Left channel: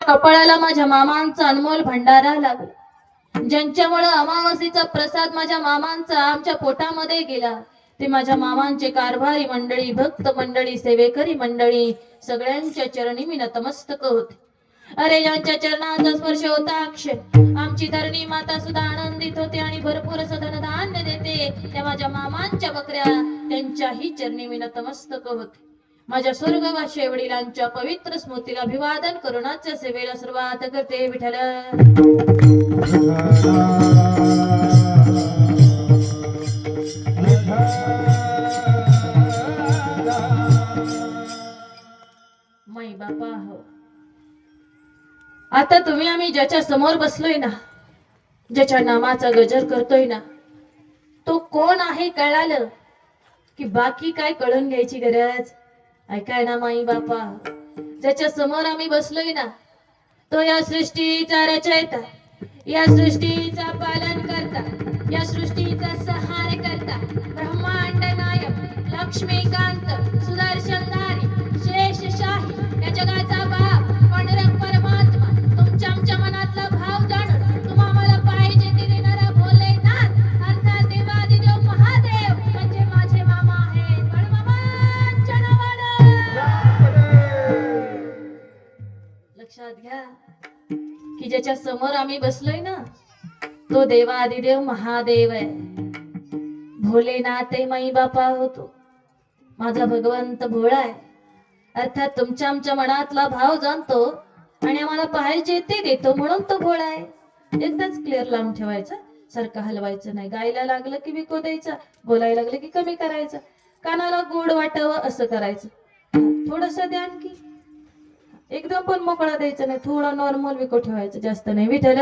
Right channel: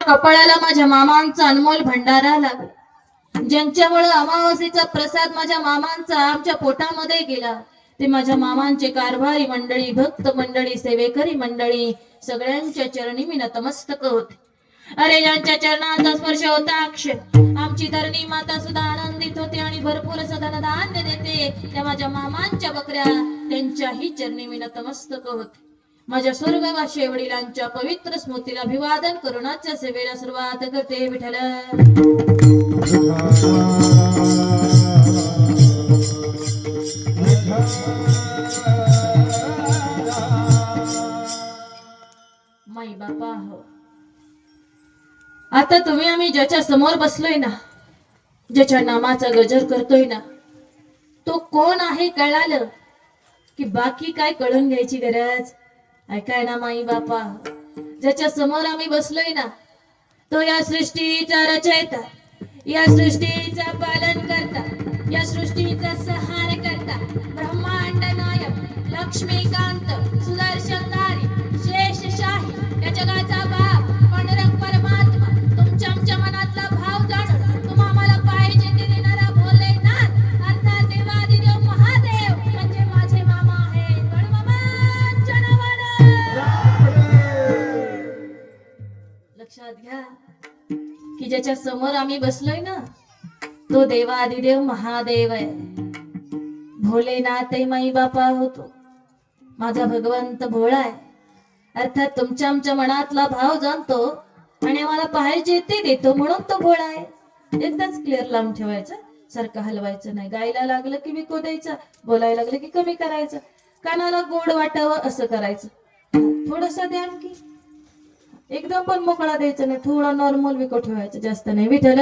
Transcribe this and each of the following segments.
कपाळाला माझ्या मामांचा अनमोल भंडारा लागला. ज्यांच्यामुळे अमावासीचा प्रसाद माझ्या मामांचा आमच्या पोटामध्ये गेला. ते माझ्या मामांचे कारभारी मंडळी भक्त मंडळी सेवेकरी मंडळी सगळ्यांच्या चरणी मी नतमस्तक होते. अरे ज्यांच्या चरणाचा स्पर्श होता अक्षय आमची धरणी माता सुद्धा आनंदित होते आणि भरपूर असं धनधान्य देते. त्या माझ्या मामांच्या बकऱ्या त्यांच्याही चरणी मी नतमस्तक होते. माझ्या स्वर्गवासी वडिलांच्या पवित्र स्मृतीला अभिवादन करुणाच्या सेवेला सुरुवात करते विठ्ठल. माई बापा हो. आता तुम्ही आम्ही ज्याच्या समोर बसलोय ना ज्याच्या नामाचा गजर करतोय ना तो कोण आहे कळालं? की बाकी काय कळून घ्यायची गरज? ऐकाय ना माई बापा. ज्याच्या समोर आम्ही बसलोय ना तो या सृष्टीचा रचयता या सृष्टीचा पालन करता या सृष्टीचा सहार करता ब्रह्मांड नायक लक्ष्मीकांत लक्षात घ्या. की ज्याच्या समोर आम्ही बसलोय ना तो देवादिदेव महादेव आहे. भोलेनाथ माई बापा होतो माझा भगवंत भोळा आहे. अर्थात तुमच्या आमच्या मनातला भाव जाणतो आणि आम्हाला पाहिजे ते देतो म्हणून तो भोळा आहे. एकदाच क्लिअर लावून ठेवायचा सारखं हलवायचं नाही. गायला लागलं की विकू द्यायचा बोलायला लागलं की कमी करायचं. कानाला गोड वाटावं असं करायचं. थोडस द्या की एकदम पण मोकळा द्यायचा नाही थोडं नॉर्मल विको ठेवायचं जास्त नाही. विठ्ठल!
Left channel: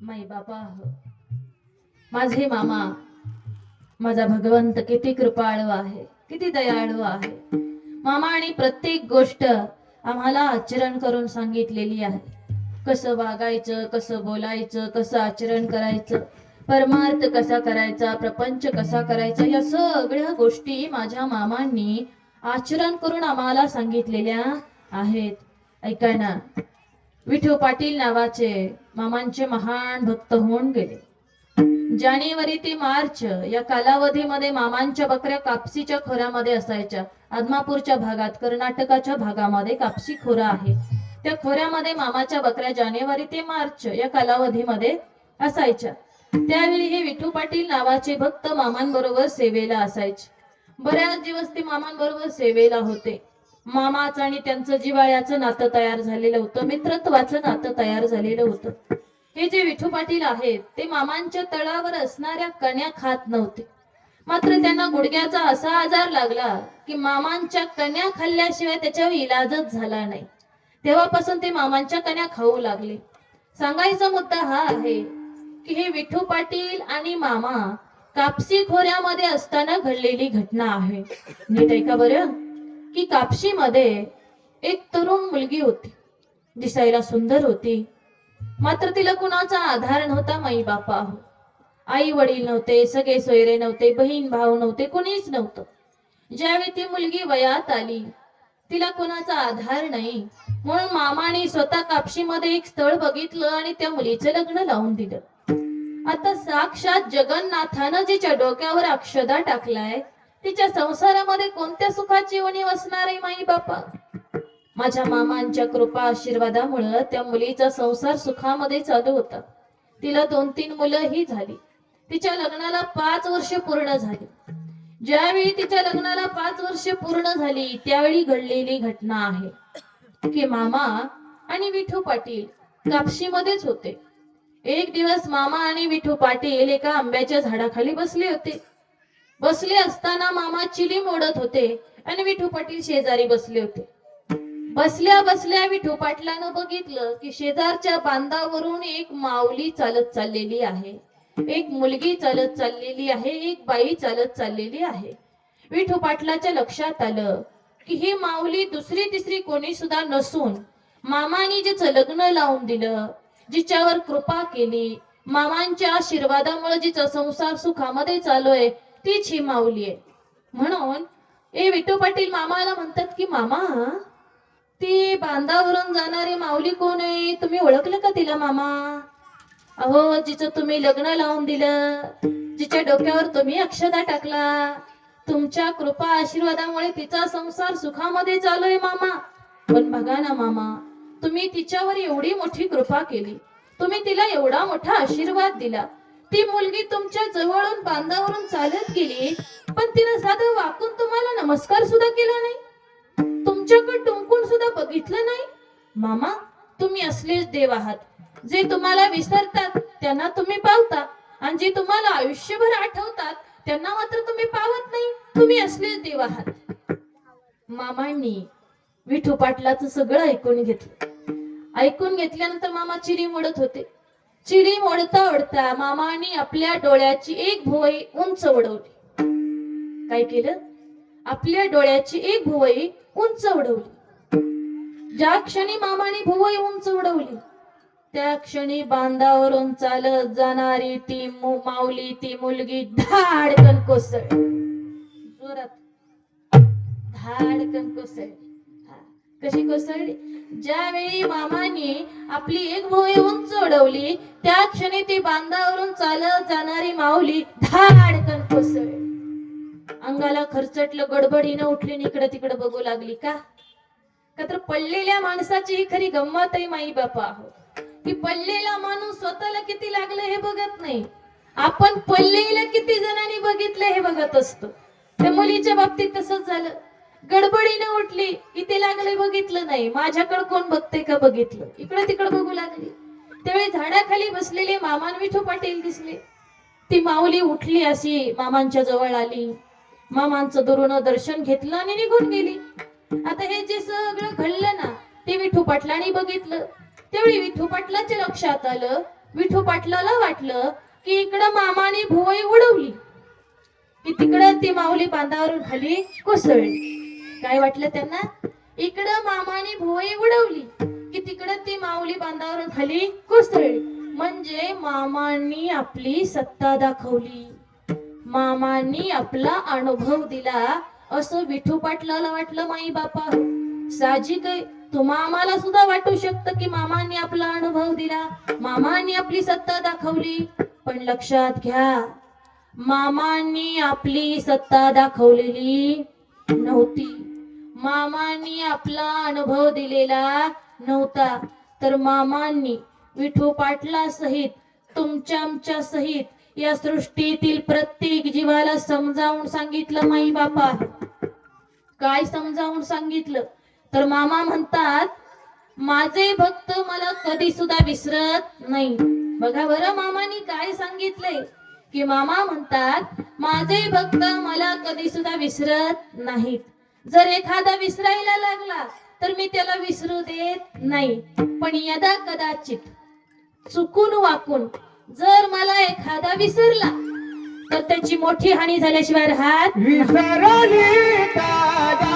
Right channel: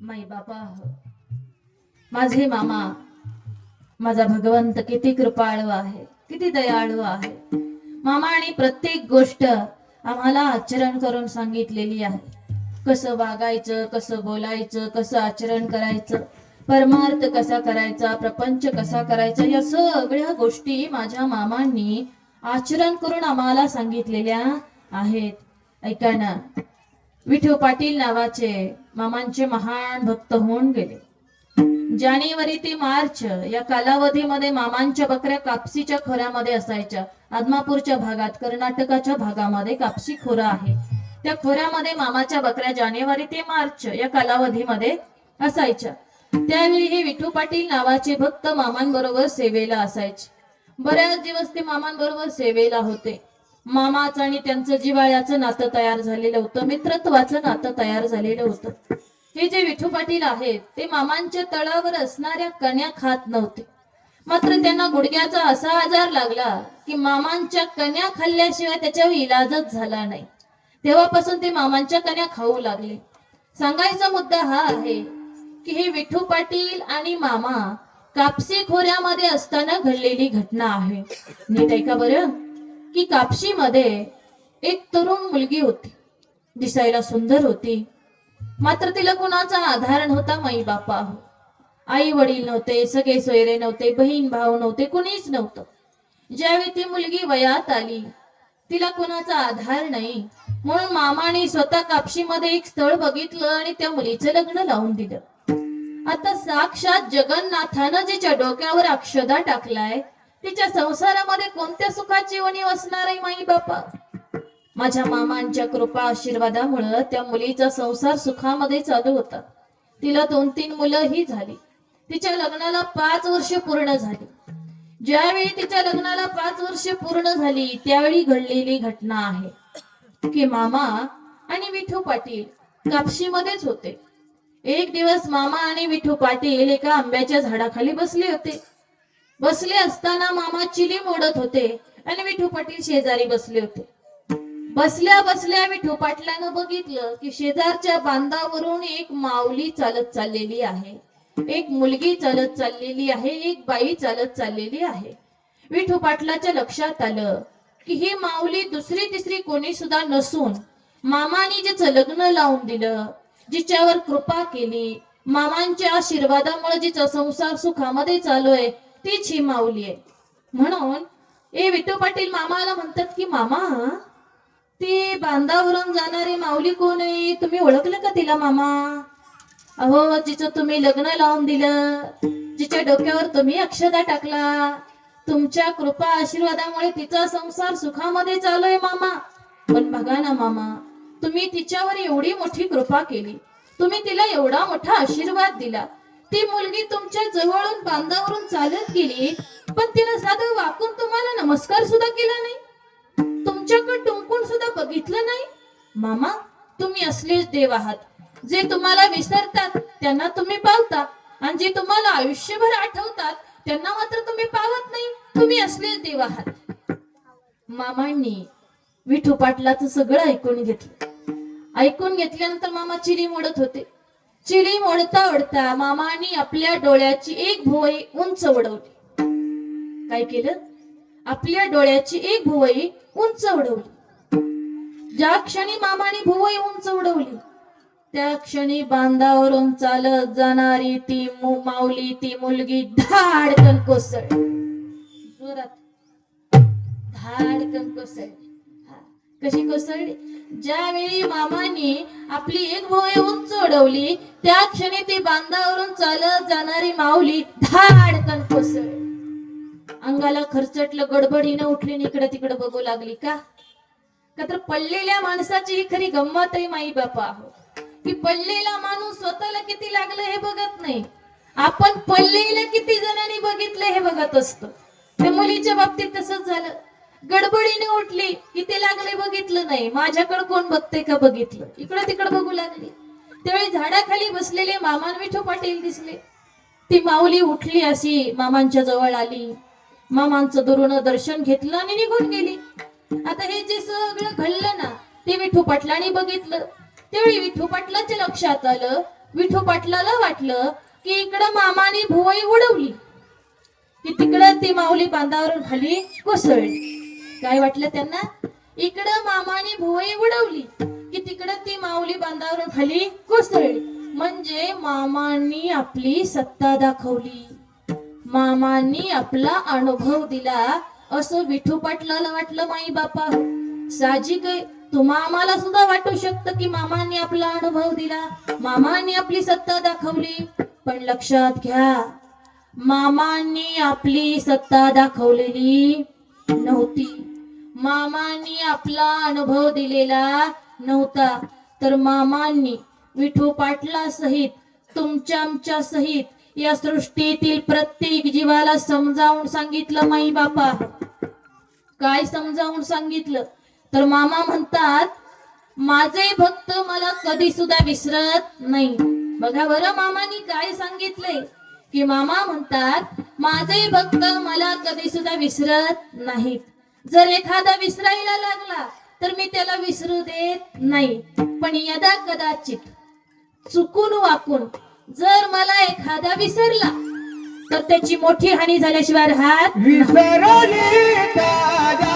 माई बापा माझे मामा माझा भगवंत किती कृपाळू आहे किती दयाळू आहे. मामाने प्रत्येक गोष्ट आम्हाला आचरण करून सांगितलेली आहे. कसं वागायचं कसं बोलायचं कसं आचरण करायचं परमार्थ कसा करायचा प्रपंच कसा करायचा या सगळ्या गोष्टी माझ्या मामांनी आचरण करून आम्हाला सांगितलेल्या आहेत. ऐका ना. विठू पाटील नावाचे मामांचे महान भक्त होऊन गेले. जानेवारी ते मार्च या कालावधीमध्ये मामांच्या बकऱ्या कापसीच्या खोऱ्यामध्ये असायच्या. आदमापूरच्या भागात कर्नाटकाच्या भागामध्ये कापसी खोरा आहे. त्या खोऱ्यामध्ये मामाच्या बकऱ्या जानेवारी ते मार्च या कालावधीमध्ये असायच्या. त्यावेळी हे विठू पाटील नावाचे भक्त मामांबरोबर सेवेला असायचे. बऱ्याच दिवस ते मामांबरोबर सेवेला होते. मामाचं आणि त्यांचं जिवाळ्याचं नातं तयार झालेलं होतं. मित्रत्वाचं नातं तयार झालेलं होतं. हे जे विठू पाटील आहेत ते मामांच्या तळावर असणाऱ्या कण्या खात नव्हते. मात्र त्यांना गुडघ्याचा असा आजार लागला की मामांच्या कण्या खाल्ल्याशिवाय त्याच्यावर इलाजच झाला नाही. तेव्हापासून ते मामांच्या कण्या खाऊ लागले. सांगायचा मुद्दा हा आहे की ही विठू पाटील आणि मामा कापसी खोऱ्यामध्ये असताना घडलेली घटना आहे. नीट ऐका बरं की कापशीमध्ये एक तरुण मुलगी होती. दिसायला सुंदर होती. मात्र तिला कुणाचा आधार नव्हता माई बापा आई वडील नव्हते सगळे सोयरे नव्हते बहीण भाऊ नव्हते कुणीच नव्हतं. ज्यावेळी ती मुलगी वयात आली तिला कुणाचा आधार नाही म्हणून मामाने स्वतः कापशीमध्ये एक स्थळ बघितलं आणि त्या मुलीचं लग्न लावून दिलं. आता साक्षात जगन्नाथानं जिच्या डोक्यावर अक्षदा टाकलाय तिच्या संसारामध्ये कोणत्या सुखाची उणीव असणार आहे माई बापा माझ्या मामांच्या कृपा आशीर्वादामुळं त्या मुलीचा संसार सुखामध्ये चालू होता. तिला दोन तीन मुलं ही झाली. तिच्या लग्नाला पाच वर्ष पूर्ण झाली. ज्यावेळी तिच्या लग्नाला पाच वर्ष पूर्ण झाली त्यावेळी घडलेली घटना आहे. की मामा आणि विठू पाटील कापशीमध्येच होते. एक दिवस मामा आणि विठू पाटील एका आंब्याच्या झाडाखाली बसले होते. बसले असताना मामा चिली मोडत होते आणि विठू पाटील शेजारी बसले होते. बसल्या बसल्या विठू पाटलानं बघितलं की शेजारच्या बांधावरून एक माऊली चालत चाललेली आहे. एक मुलगी चालत चाललेली आहे एक बाई चालत चाललेली आहे. विठू पाटलाच्या लक्षात आलं की ही माऊली दुसरी तिसरी कोणी सुद्धा नसून मामानी जिचं लग्न लावून दिलं जिच्यावर कृपा केली मामांच्या आशीर्वादामुळे जिचा संसार सुखामध्ये चालू आहे तीच ही माऊली आहे. म्हणून ए विठू पाटील मामाला म्हणतात की मामा ती बांधावरून जाणारी माऊली कोण आहे? तुम्ही ओळखलं का तिला मामा? अहो जिचं तुम्ही लग्न लावून दिलं जिच्या डोक्यावर तुम्ही अक्षदा टाकला तुमच्या कृपा आशीर्वादामुळे तिचा संसार सुखामध्ये चालू मामा. पण बघा ना मामा तुम्ही तिच्यावर एवढी मोठी कृपा केली. तुम्ही तिला एवढा मोठा आशीर्वाद दिला. ती मुलगी तुमच्या जवळून बांधावरून चालत गेली पण तिनं साधं वाकून तुम्हाला नमस्कार सुद्धा केला नाही. तुमच्याकडे टुंकून सुद्धा बघितलं नाही. मामा तुम्ही असलेच देव आहात. जे तुम्हाला विसरतात त्यांना तुम्ही पावता. आणि जे तुम्हाला आयुष्यभर आठवतात त्यांना मात्र तुम्ही पावत नाही. तुम्ही असले देव आहात मामांनी विठू पाटलाचं सगळं ऐकून घेतलं. ऐकून घेतल्यानंतर मामा चिरी मोडत होते. चिरी मोडता ओढता मामाने आपल्या डोळ्याची एक भुवई उंच उडवली. काय केलं? आपल्या डोळ्याची एक भुवई उंच उडवली. ज्या क्षणी मामाने भुवई उंच उडवली त्या क्षणी बांधावरून चालत जाणारी ती माऊली ती मुलगी धाडकन कोसळ जोरात धाडकन कोसळ कशी कोसळली? ज्यावेळी मामाने आपली एक भुवई उंच उडवली त्या क्षणी ती बांधावरून चालत जाणारी माऊली धाडकन कोसळली. अंगाला खरचटलं गडबडीनं उठली इकडे तिकडे बघू लागली का? का तर पडलेल्या माणसाची खरी गंमत आहे माई बापा. की पडलेला माणूस स्वतःला किती लागलं हे बघत नाही. आपण पडलेलं किती जणांनी बघितलं हे बघत असतो. त्या मुलीच्या बाबतीत तसंच झालं. गडबडीने उठली किती लागले बघितलं नाही. माझ्याकडे कोण बघते का बघितलं? इकडे तिकडे बघू लागली. त्यावेळी झाडाखाली बसलेले मामान विठू पाटील दिसले. ती माऊली उठली अशी मामांच्या जवळ आली. मामांचं दुरून दर्शन घेतलं आणि निघून गेली. आता हे जे सगळं घडलं ना ते विठू पाटलाने बघितलं. त्यावेळी विठू पाटलाच्या लक्षात आलं. विठू पाटलाला वाटलं की इकडं मामाने भुवई उडवली. की तिकडं ती माऊली बांधावरून खाली कोसळली. काय वाटलं त्यांना? इकडं मामाने भुवई उडवली की तिकडं ती माऊली बांधावरून खाली कोसळली. म्हणजे मामांनी आपली सत्ता दाखवली. मामांनी आपला अनुभव दिला. असं विठू पाटलाला वाटलं माई बापा साहजिक तुम्हा आम्हाला सुद्धा वाटू शकतं की मामाने आपला अनुभव दिला. मामाने आपली सत्ता दाखवली. पण लक्षात घ्या मामांनी आपली सत्ता दाखवलेली नव्हती. मामांनी आपला अनुभव दिलेला नव्हता. तर मामांनी विठू पाटला सहित तुमच्या आमच्या सहित या सृष्टीतील प्रत्येक जीवाला समजावून सांगितलं माई बापा काय समजावून सांगितलं? तर मामा म्हणतात माझे भक्त मला कधी सुद्धा विसरत नाही. बघा बरं मामानी काय सांगितलंय? की मामा म्हणतात माझे भक्त मला कधी सुद्धा विसरत नाहीत. जर एखादा विसरायला लागला तर मी त्याला विसरू देत नाही. पण यदा कदाचित चुकून वाकून जर मला एखादा विसरला तर त्याची मोठी हानी झाल्याशिवाय राहत विसरली विसरली दादा,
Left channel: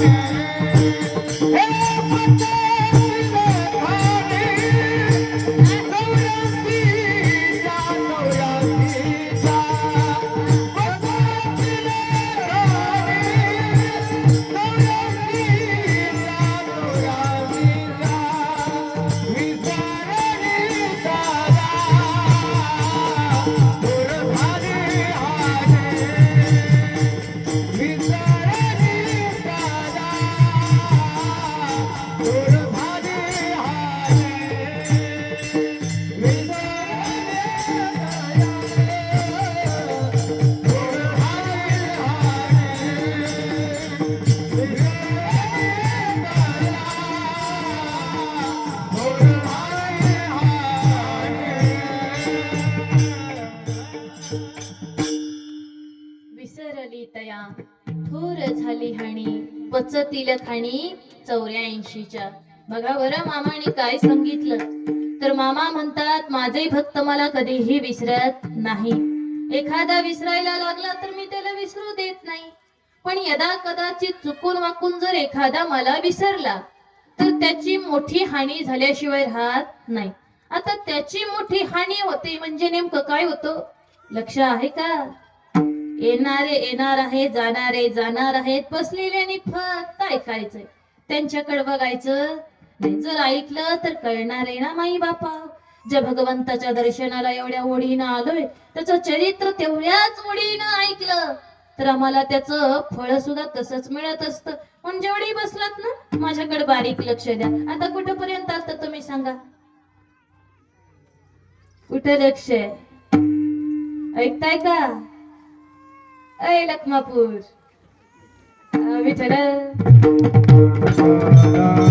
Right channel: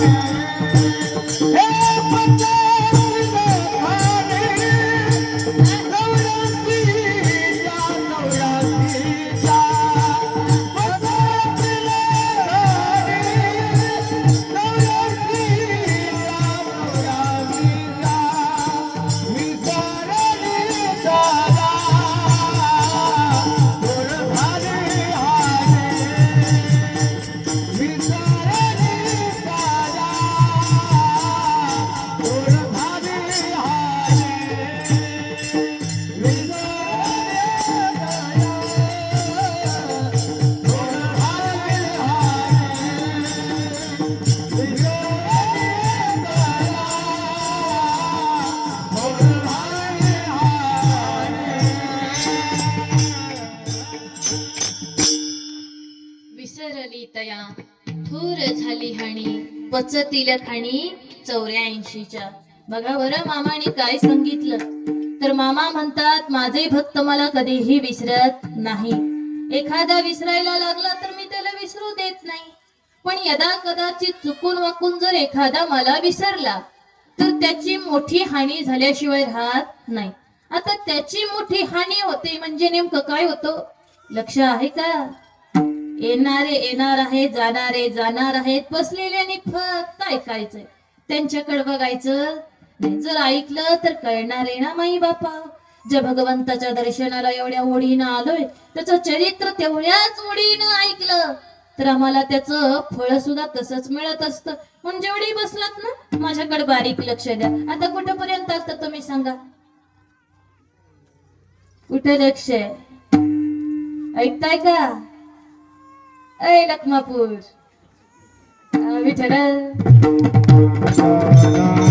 विसरली पचतील खाणी चौऱ्याऐंशीच्या. बघा बरं मामाने काय सांगितलं. तर मामा म्हणतात माझे भक्त मला कधीही विसरत नाही. एखादा विसरायला लागला तर मी त्याला विसरू देत नाही. पण यदा कदाचित चुकून वाकून जर एखादा मला विसरला तर त्याची मोठी हानी झाल्याशिवाय राहत नाही. आता त्याची मोठी हानी होते म्हणजे नेमकं काय होतं? लक्ष आहे का? येणारे येणार आहे जाणारे जाणार आहेत. बसलेल्याने फक्त ऐकायचंय. त्यांच्याकडे बघायचं. जर ऐकलं तर कळणार आहे ना माई बापा जे भगवंताच्या दर्शनाला एवढ्या ओढीनं आलोय त्याचं चरित्र तेवढ्याच ओढीनं ऐकलं तर आम्हाला त्याचं फळ सुद्धा तसंच मिळत असतं. पण जेवढी बसलात ना माझ्याकडे बारीक लक्ष द्या. आता कुठपर्यंत असतं तुम्ही सांगा? कुठे लक्ष आहे? ऐकताय का? ऐ लखमापूर विठ्ठल